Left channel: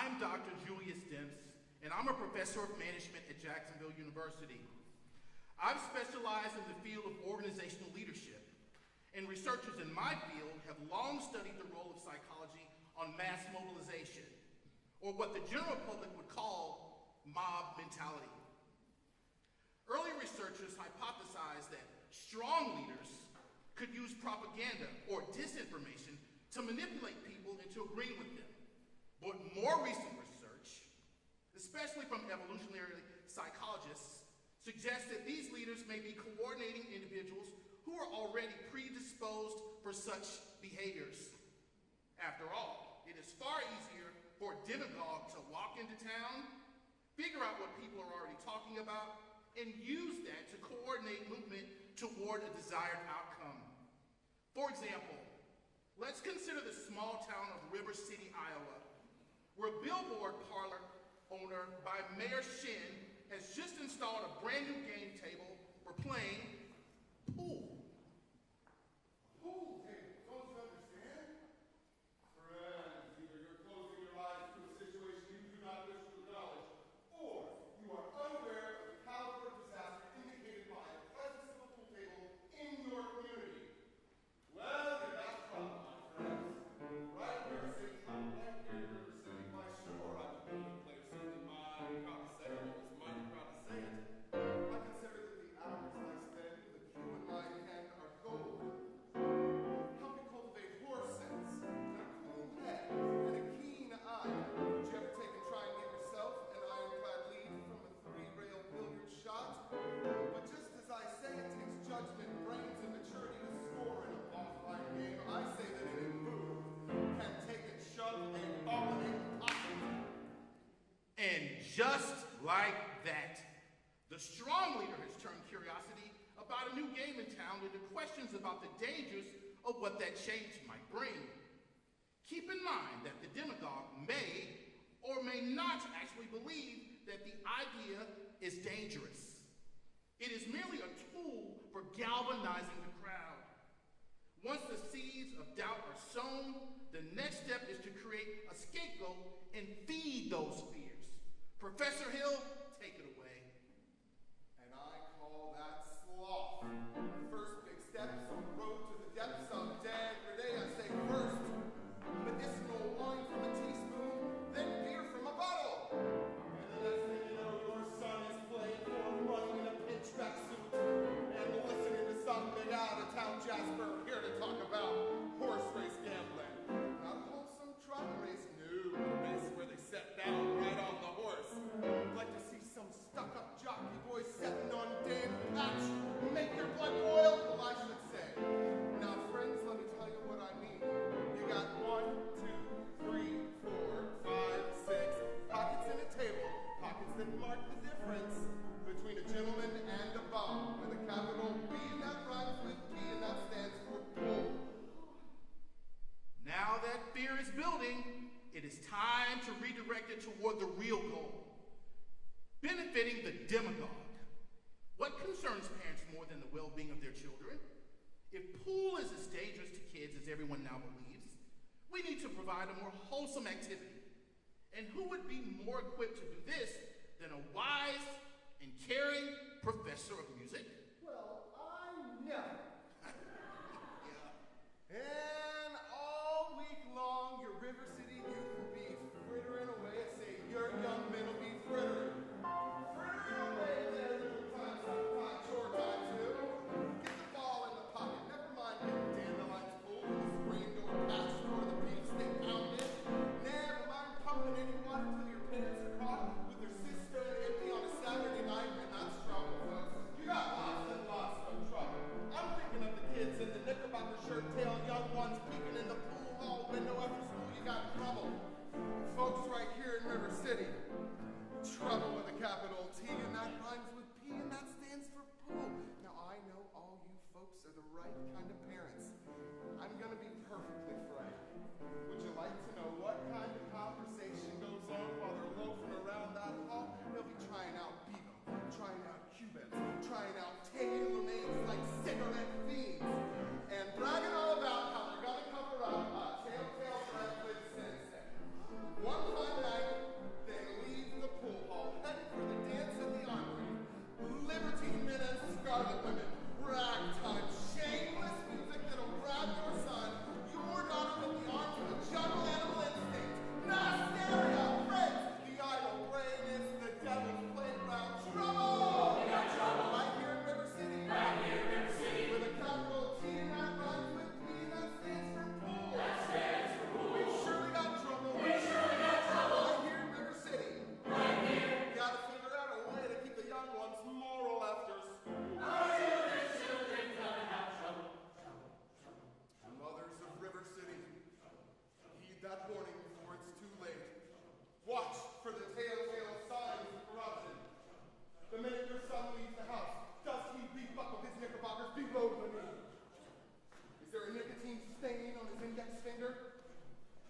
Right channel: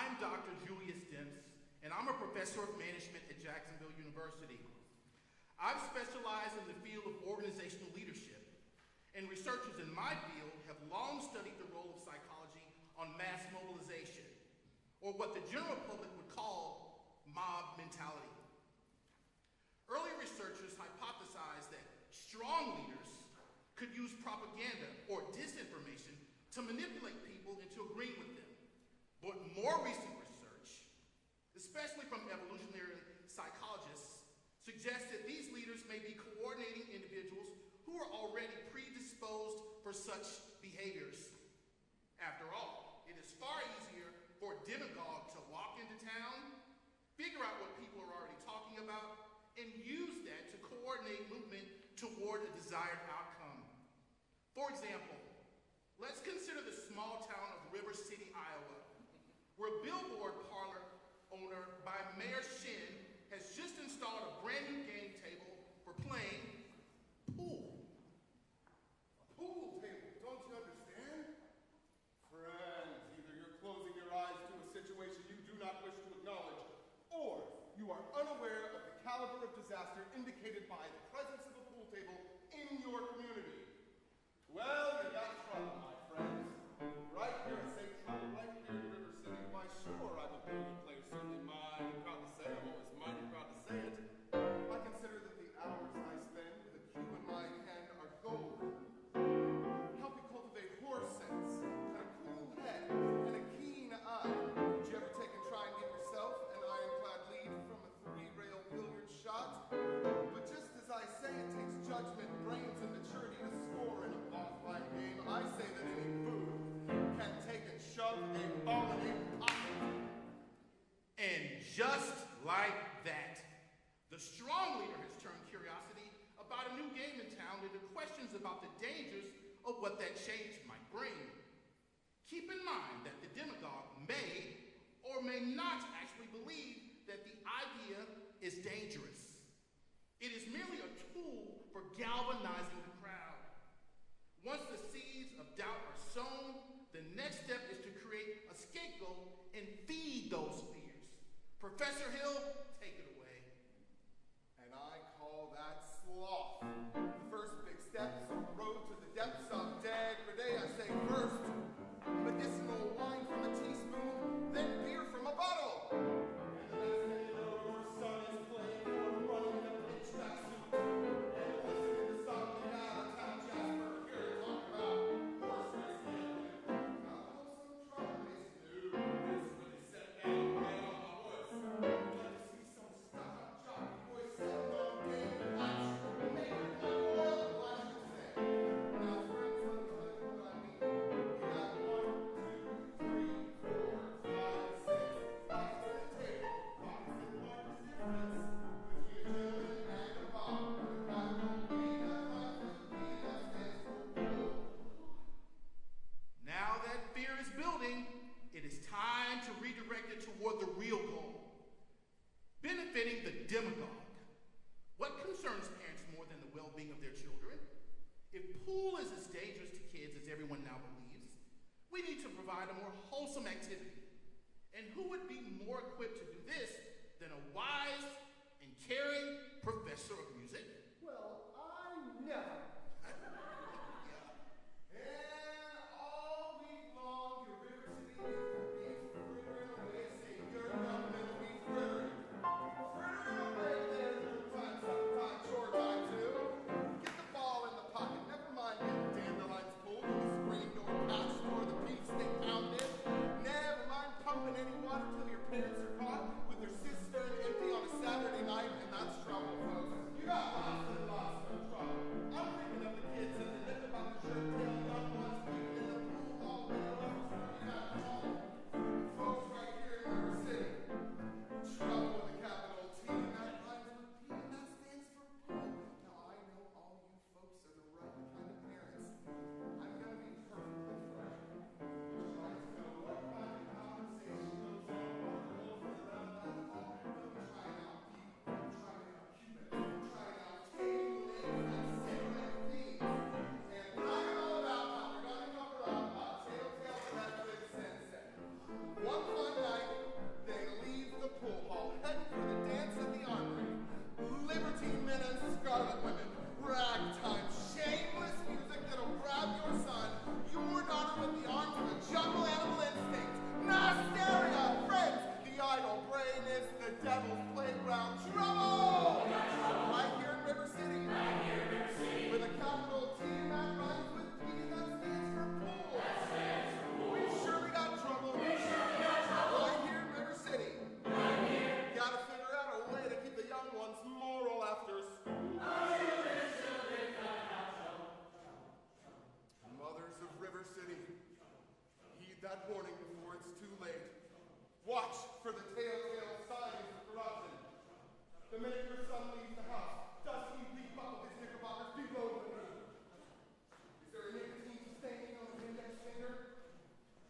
I'm Dr. Julius Demps, and I'm a professor of management at Jacksonville University. I've specialized in the field of organizational leadership, and researchers in my field have long studied the role of psychology on mass mobilization, or what the general public would call mob mentality. Early researchers hypothesized that strong leaders could use propaganda or disinformation to manipulate people into agreeing with them. But more recent research, especially from evolutionary psychologists, suggests that these leaders may be coordinating individuals who are already predisposed for such behaviors. After all, it is far easier for a demagogue to walk into town, figure out what people are already talking about, and use that to coordinate movement toward a desired outcome. For example, let's consider the small town of River City, Iowa, where a billboard parlor owner by Mayor Chen has just installed a brand new game table for playing pool. Pool table, don't you understand? Friends, either you're closing your eyes to a situation you do not wish to acknowledge, or you are unaware of the caliber of disaster indicated by the presence of a pool table in your community. Well, you're not trouble, my friends. Right here in St. Paul, right here in River City, why sure I would build a place something mighty proud to say, I'm always mighty proud to say it. I consider that the hours I spend with a cue in my hand are golden. Help me cultivate horse sense, and a cool head, and a keen eye. Did you ever take and try and get yourself an ironclad lead from a three-rail billiard shot? But just as I say it takes judgment, brains, and maturity to score in a offline game, I say that any fool can take and shove a ball in a pocket. And just like that, the strong leader has turned curiosity about a new game in town into questions about the dangers of what that change might bring. Keep in mind that the demagogue may or may not actually believe that the idea is dangerous. It is merely a tool for galvanizing the crowd. Once the seeds of doubt are sown, the next step is to create a scapegoat and feed those fears. Professor Hill, take it away. And I call that sloth. The first big steps on the road to the depths of degradé. I say first, medicinal wine from a teaspoon, then beer from a bottle. And the next thing you know, your son is playing for him, running in a pitch tracksuit. And we're listening to some big out of town Jasper here to talk about horse race gambling. Not wholesome truck race, no. That's where they set down right on the horse. I'd like to see some stuck-up jockey boy sitting on damn patch, make your blood boil, I should say. Now, friends, let me tell you what I mean. You got 1, 2, 3, 4, 5, 6 pockets in a table. Pockets that mark the difference between a gentleman and a bomb, with a capital B, that rhymes with P, and that stands for bull. Now that fear is building, it is time to redirect it toward the real goal, benefiting the demagogue. What concerns parents more than the well-being of their children? If pool is as dangerous to kids as everyone now believes, we need to provide a more wholesome activity. And who would be more equipped to do this than a wise and caring professor of music? Well, I know. Yeah. And all week long, your River City youth will be frittering away, saying your young men will be frittering. Frittering away there, little time, sometime, chore time too. Get the ball in the pocket, never mind getting dandelions pulled, the screen door patched, or the beef steak pounded. Never mind pumping any water till your parents are caught with their cistern empty on a Saturday night, and that's trouble, folks. You got lots and lots of trouble. I'm thinking that warning before it's too late. Watch for the telltale signs of corruption. The minute your son leaves the house, does he rebuckle his knickerbockers below the knee? Is there a nicotine stain on his index finger?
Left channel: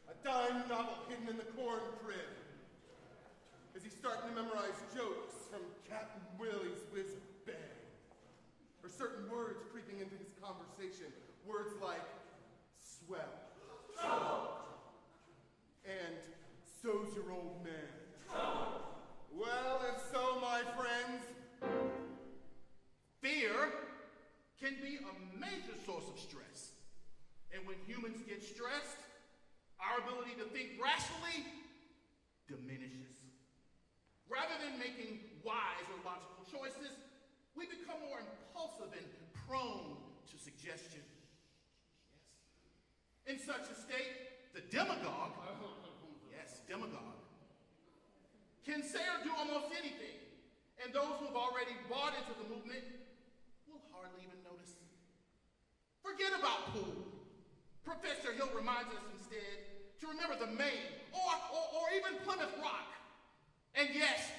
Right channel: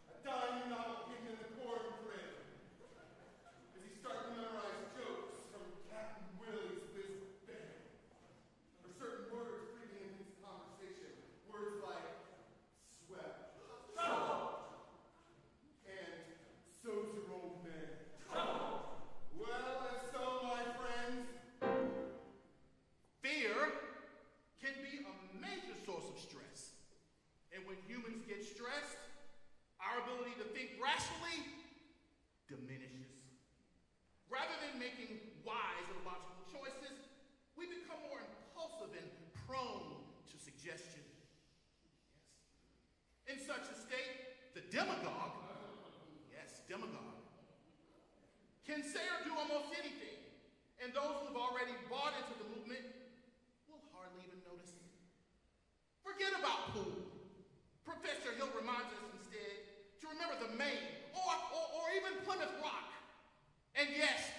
A dime novel hidden in the corn crib? Is he starting to memorize jokes from Captain Willie's Whiz Bang? Or certain words creeping into his conversation? Words like swell. And so's your old man. Well, if so, my friends, fear can be a major source of stress. And when humans get stressed, our ability to think rationally diminishes. Rather than making wise or logical choices, we become more impulsive and prone to suggestion. Yes. In such a state, the demagogue, yes, demagogue, can say or do almost anything, and those who have already bought into the movement will hardly even notice. Forget about pool. Professor Hill reminds us instead to remember the Maine or even Plymouth Rock. And yes,